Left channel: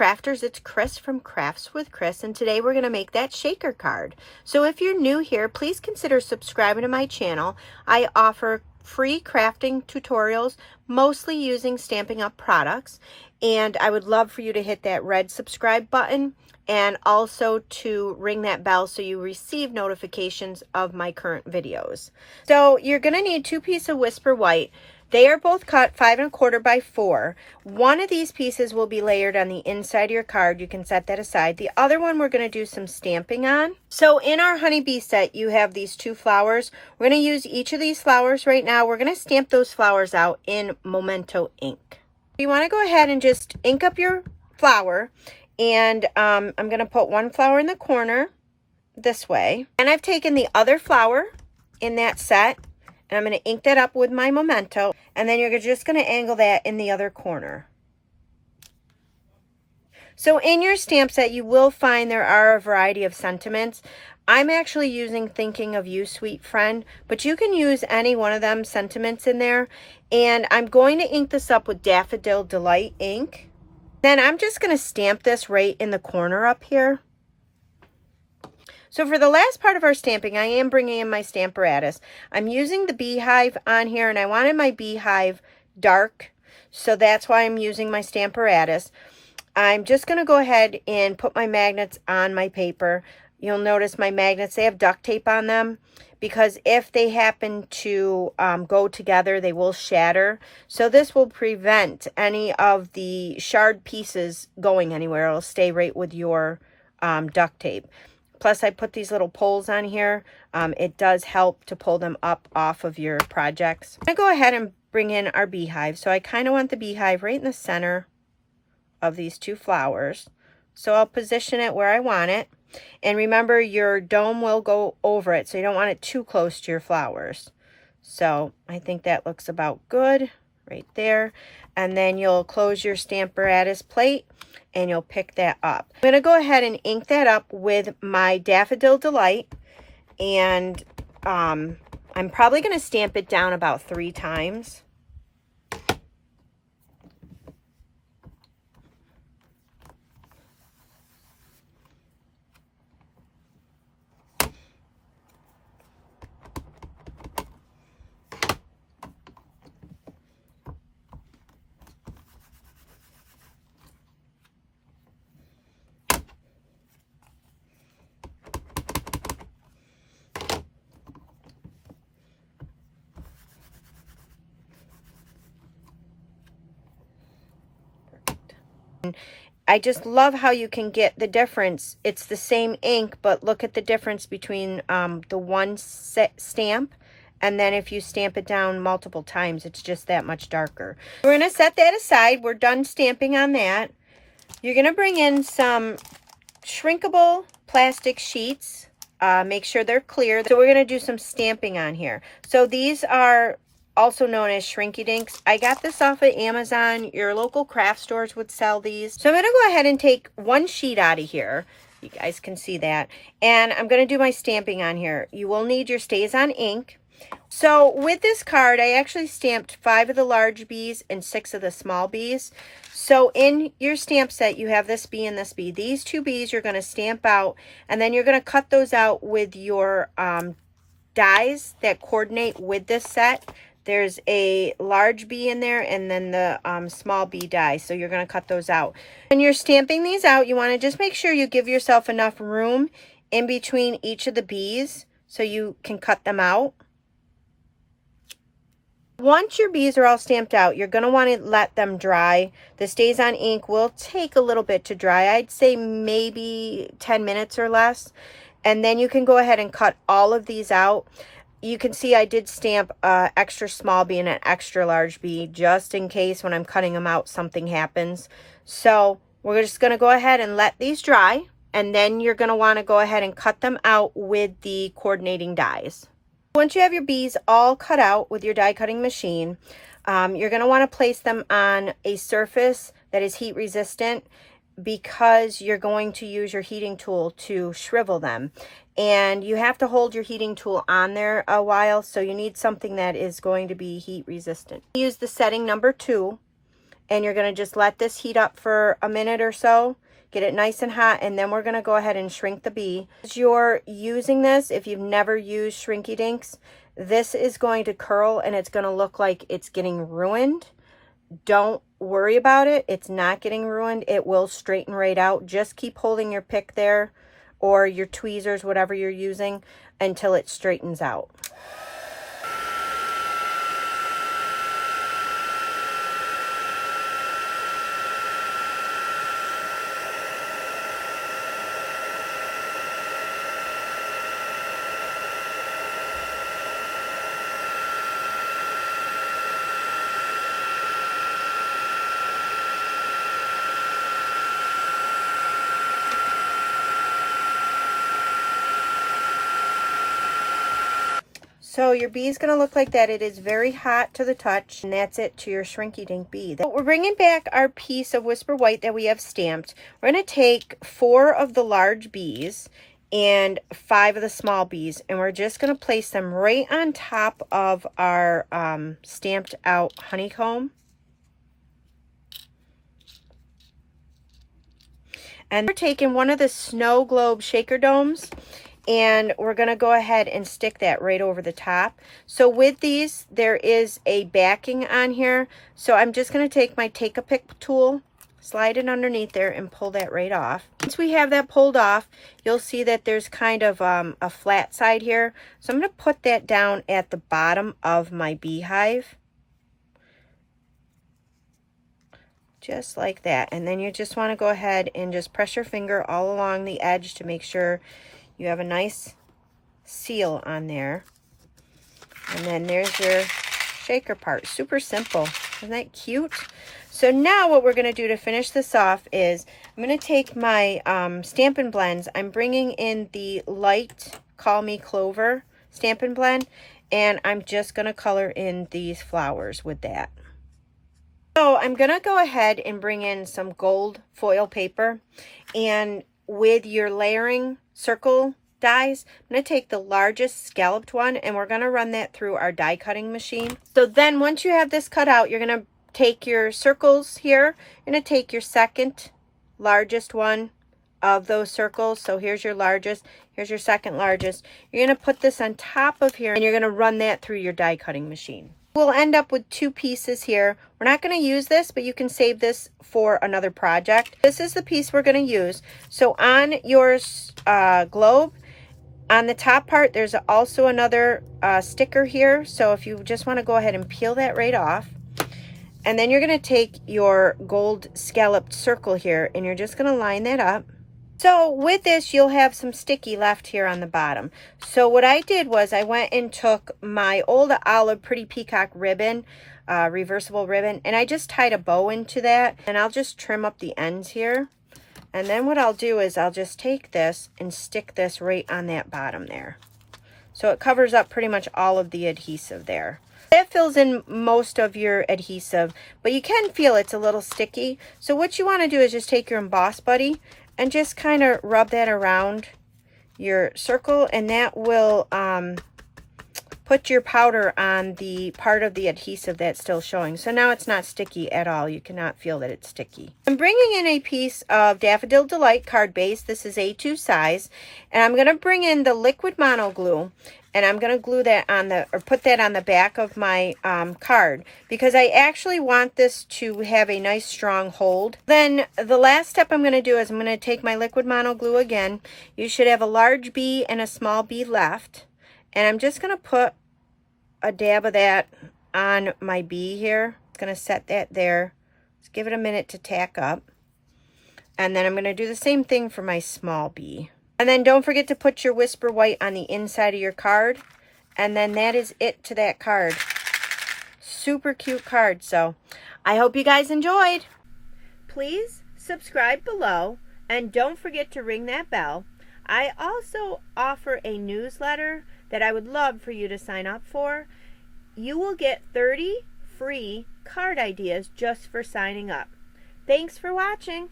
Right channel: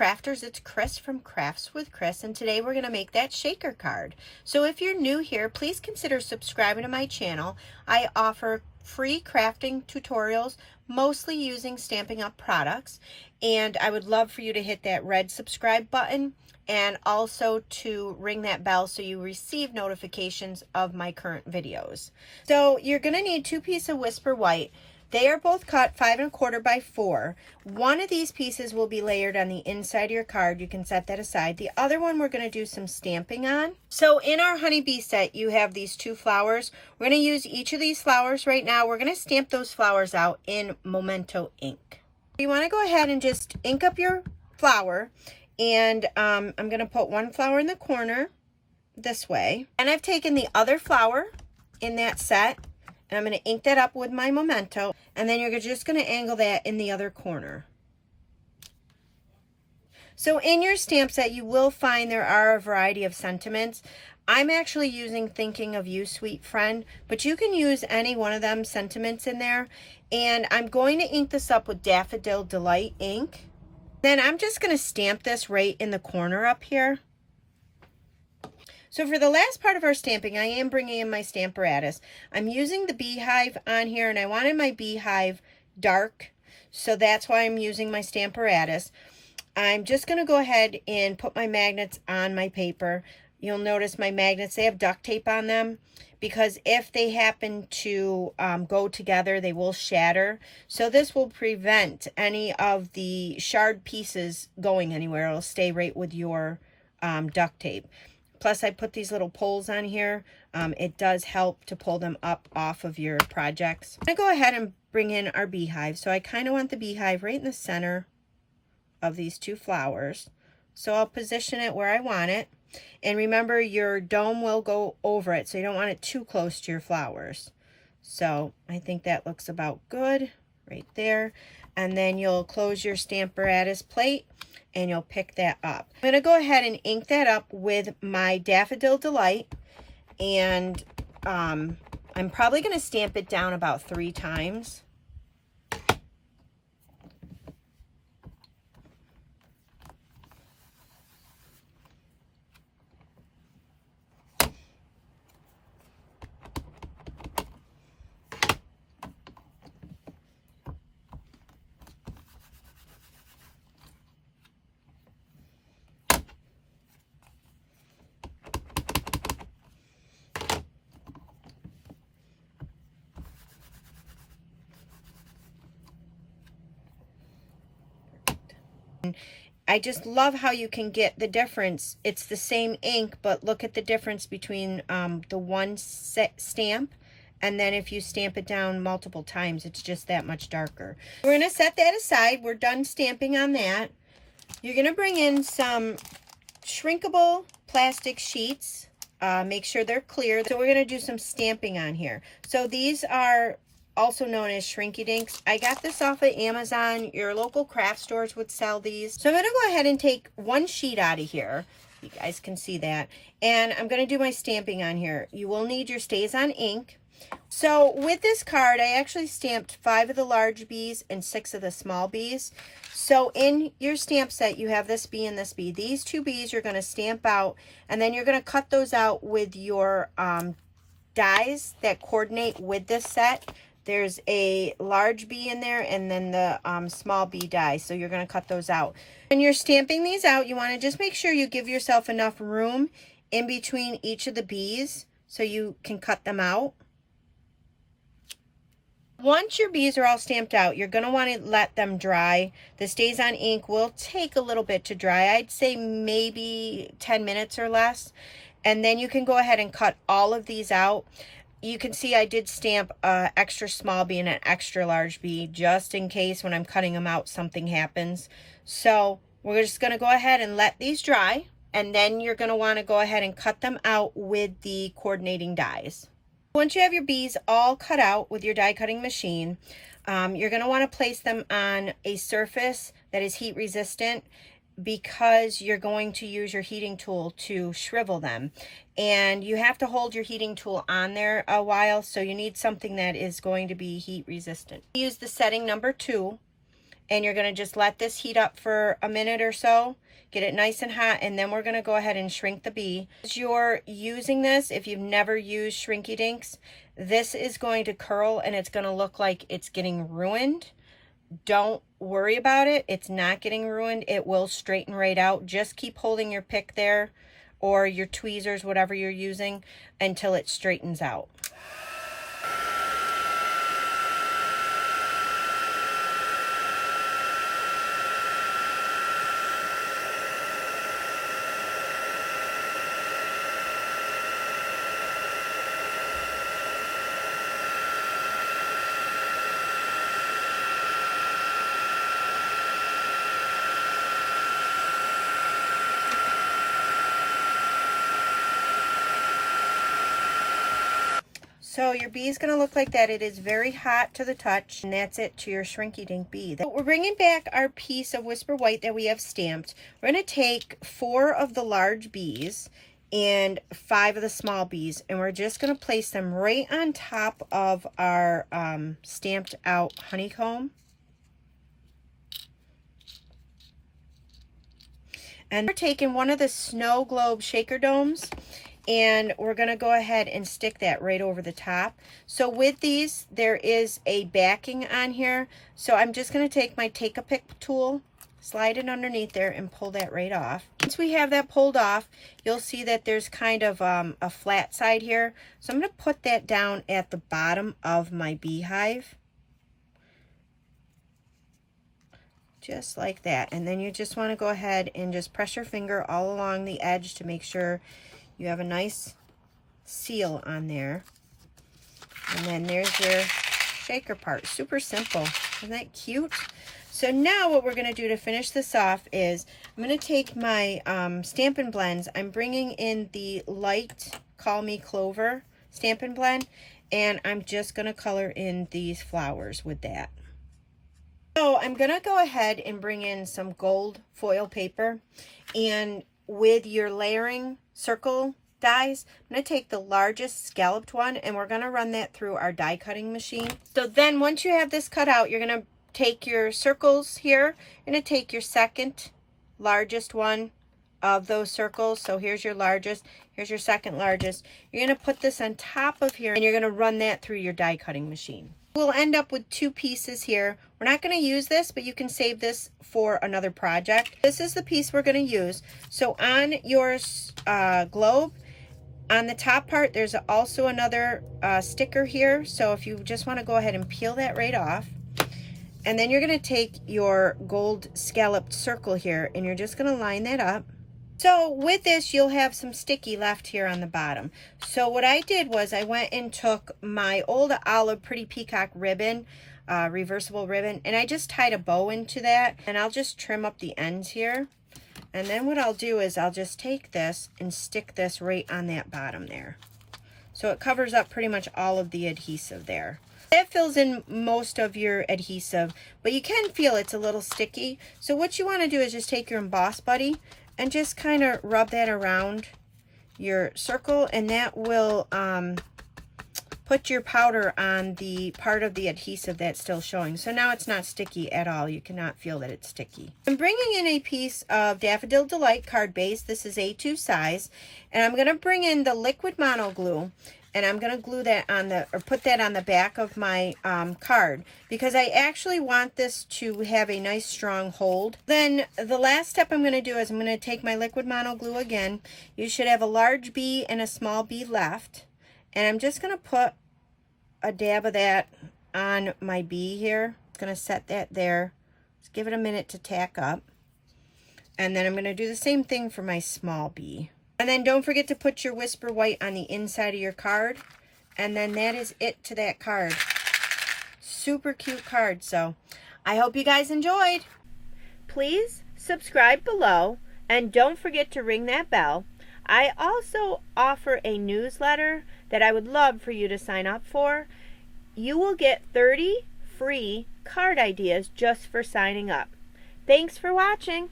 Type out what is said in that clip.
crafters, it's Chris from Crafts with Chris, and today we're going to make that shaker card. So if you're new here, please consider subscribing to my channel. I offer free crafting tutorials, mostly using Stampin' Up! Products, and I would love for you to hit that red subscribe button and also to ring that bell so you receive notifications of my current videos. So you're going to need 2 pieces of Whisper White. They are both cut 5 1/4 by 4. One of these pieces will be layered on the inside of your card. You can set that aside. The other one we're going to do some stamping on. So in our honeybee set, you have these 2 flowers. We're going to use each of these flowers right now. We're going to stamp those flowers out in Memento ink. You want to go ahead and just ink up your flower. And I'm going to put one flower in the corner this way. And I've taken the other flower in that set. And I'm going to ink that up with my Memento, and then you're just going to angle that in the other corner. So in your stamp set, you will find there are a variety of sentiments. I'm actually using Thinking of You, Sweet Friend, but you can use any one of them sentiments in there. And I'm going to ink this up with Daffodil Delight ink. Then I'm just going to stamp this right in the corner up here. So for the last part of our stamping, I am bringing in my Stamparatus. I'm using the beehive on here, and I wanted my beehive dark, so that's why I'm using my Stamparatus. I'm just going to go ahead and put my magnets on my paper. You'll notice my magnets, they have duct tape on them, because if they happen to go together, they will shatter. So this will prevent any of the shard pieces going anywhere. It'll stay right with your duct tape. Plus, I put these little poles on here. It does help to pull them up off of your projects. I'm going to go ahead and bring in our beehive. So I kind of want the beehive right in the center of these 2 flowers. So I'll position it where I want it. And remember, your dome will go over it, so you don't want it too close to your flowers. So I think that looks about good right there. And then you'll close your Stamparatus plate, and you'll pick that up. I'm going to go ahead and ink that up with my Daffodil Delight, and I'm probably going to stamp it down about 3 times. I just love how you can get the difference. It's the same ink, but look at the difference between the one stamp, and then if you stamp it down multiple times, it's just that much darker. We're going to set that aside. We're done stamping on that. You're going to bring in some shrinkable plastic sheets. Make sure they're clear. So we're going to do some stamping on here. So these are also known as Shrinky Dinks. I got this off of Amazon. Your local craft stores would sell these. So I'm going to go ahead and take one sheet out of here. You guys can see that. And I'm going to do my stamping on here. You will need your StazOn ink. So with this card, I actually stamped 5 of the large bees and 6 of the small bees. So in your stamp set, you have this bee and this bee. These 2 bees you're going to stamp out, and then you're going to cut those out with your dies that coordinate with this set. There's a large bee in there, and then the small bee die. So you're going to cut those out. When you're stamping these out, you want to just make sure you give yourself enough room in between each of the bees so you can cut them out. Once your bees are all stamped out, you're going to want to let them dry. The StazOn ink will take a little bit to dry. I'd say maybe 10 minutes or less. And then you can go ahead and cut all of these out. You can see I did stamp an extra small bee and an extra large bee just in case when I'm cutting them out something happens. So we're just going to go ahead and let these dry, and then you're going to want to go ahead and cut them out with the coordinating dies. Once you have your bees all cut out with your die cutting machine, you're going to want to place them on a surface that is heat resistant, because you're going to use your heating tool to shrivel them. And you have to hold your heating tool on there a while, so you need something that is going to be heat resistant. Use the setting number 2, and you're going to just let this heat up for a minute or so. Get it nice and hot, and then we're going to go ahead and shrink the bee. As you're using this, if you've never used Shrinky Dinks, this is going to curl and it's going to look like it's getting ruined. Don't worry about it. It's not getting ruined. It will straighten right out. Just keep holding your pick there or your tweezers, whatever you're using, until it straightens out. So your bee is going to look like that. It is very hot to the touch, and that's it to your Shrinky Dink bee. So we're bringing back our piece of Whisper White that we have stamped. We're going to take 4 of the large bees and 5 of the small bees, and we're just going to place them right on top of our stamped out honeycomb. And we're taking one of the snow globe shaker domes, and we're going to go ahead and stick that right over the top. So with these, there is a backing on here. So I'm just going to take my Take-A-Pick tool, slide it underneath there, and pull that right off. Once we have that pulled off, you'll see that there's kind of a flat side here. So I'm going to put that down at the bottom of my beehive. Just like that. And then you just want to go ahead and just press your finger all along the edge to make sure you have a nice seal on there. And then there's your shaker part. Super simple. Isn't that cute? So now what we're going to do to finish this off is I'm going to take my Stampin' Blends. I'm bringing in the light Call Me Clover Stampin' Blend, and I'm just going to color in these flowers with that. So I'm going to go ahead and bring in some gold foil paper, and with your layering circle dies, I'm going to take the largest scalloped one, and we're going to run that through our die cutting machine. So then once you have this cut out, you're going to take your circles here. You're going to take your second largest one of those circles. So here's your largest, here's your second largest. You're going to put this on top of here, and you're going to run that through your die cutting machine. We'll end up with 2 pieces here. We're not going to use this, but you can save this for another project. This is the piece we're going to use. So on your globe, on the top part, there's also another sticker here. So if you just want to go ahead and peel that right off. And then you're going to take your gold scalloped circle here, and you're just going to line that up. So with this, you'll have some sticky left here on the bottom. So what I did was I went and took my old olive Pretty Peacock ribbon, reversible ribbon, and I just tied a bow into that, and I'll just trim up the ends here. And then what I'll do is I'll just take this and stick this right on that bottom there. So it covers up pretty much all of the adhesive there. That fills in most of your adhesive, but you can feel it's a little sticky. So what you want to do is just take your Emboss Buddy and just kind of rub that around your circle, and that will put your powder on the part of the adhesive that's still showing. So now it's not sticky at all. You cannot feel that it's sticky. I'm bringing in a piece of Daffodil Delight card base. This is A2 size, and I'm going to bring in the liquid mono glue, and I'm going to glue that on the, or put that on the back of my card, because I actually want this to have a nice strong hold. Then the last step I'm going to do is I'm going to take my liquid mono glue again. You should have a large bee and a small bee left, and I'm just going to put a dab of that on my bee here. I'm going to set that there. Just give it a minute to tack up. And then I'm going to do the same thing for my small bee. And then don't forget to put your Whisper White on the inside of your card. And then that is it to that card. Super cute card. So I hope you guys enjoyed. Please subscribe below, and don't forget to ring that bell. I also offer a newsletter that I would love for you to sign up for. You will get 30 free card ideas just for signing up. Thanks for watching.